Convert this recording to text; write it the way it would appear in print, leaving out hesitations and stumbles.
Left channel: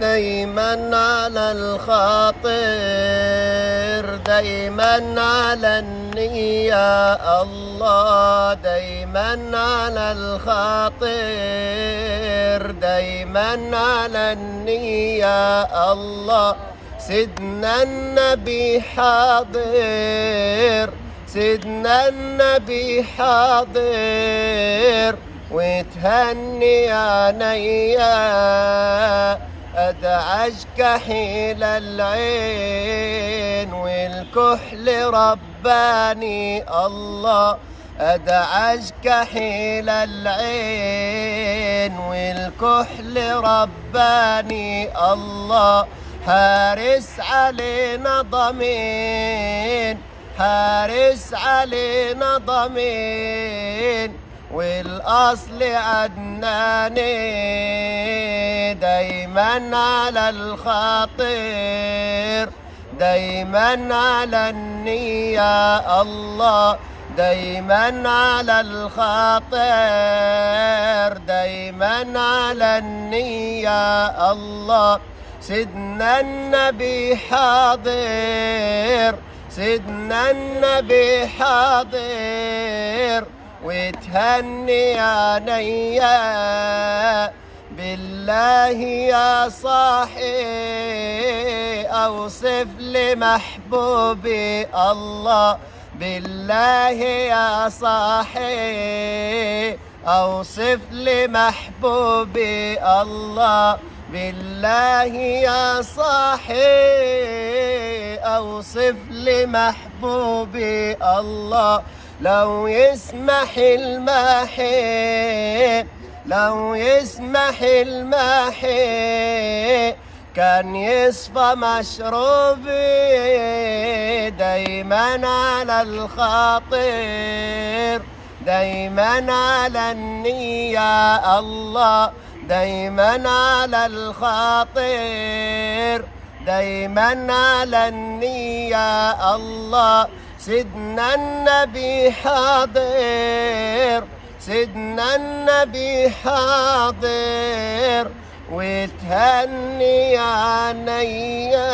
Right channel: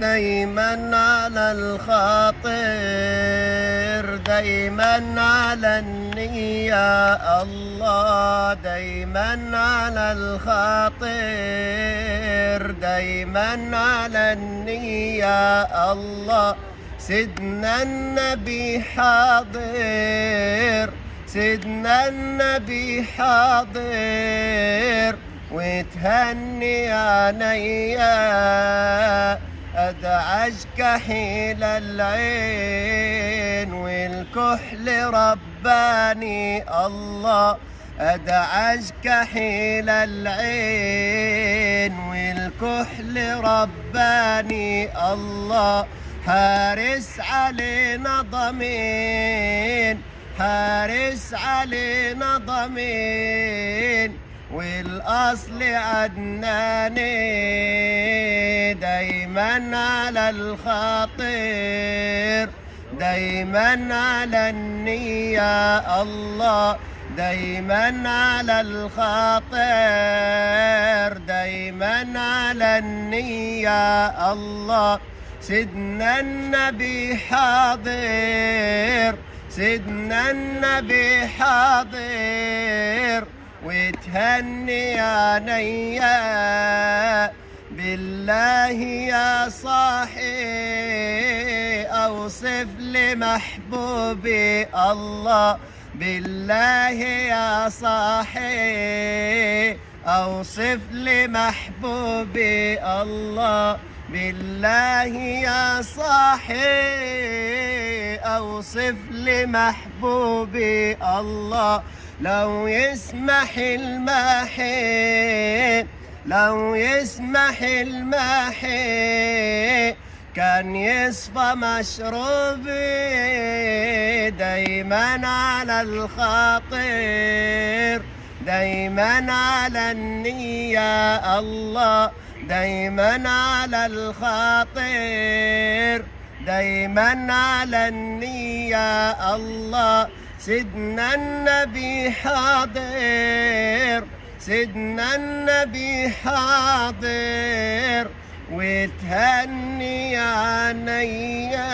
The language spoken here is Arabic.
دايما على الخاطر، دايما على النية الله، دايما على الخاطر، دايما على النية الله. سيدنا النبي حاضر، سيدنا النبي حاضر، وتهني عينيا أدعج كحيل العين، والكحل رباني الله، أدعج كحيل العين، والكحل رباني الله. حارس علينا ضمين، حارس علينا ضمين، والأصل عدناني، دايما على الخاطر، دايما على النية الله، دايما على الخاطر، دايما على النية الله. سيدنا النبي حاضر، سيدنا النبي حاضر، وتهني عينيا بالله يا صاحي، أوصف لمحبوبي الله، بالله يا صاحي أوصف لمحبوبي الله، بالله يا صاحي أوصف لمحبوبي الله. لو يسمح الماحي، لو يسمح الماحي، كان يصفى مشروبي، دايما على الخاطر، دايما على النية الله، دايما على الخاطر، دايما على النية الله. سيدنا النبي حاضر، سيدنا النبي حاضر، وتهني عينيا.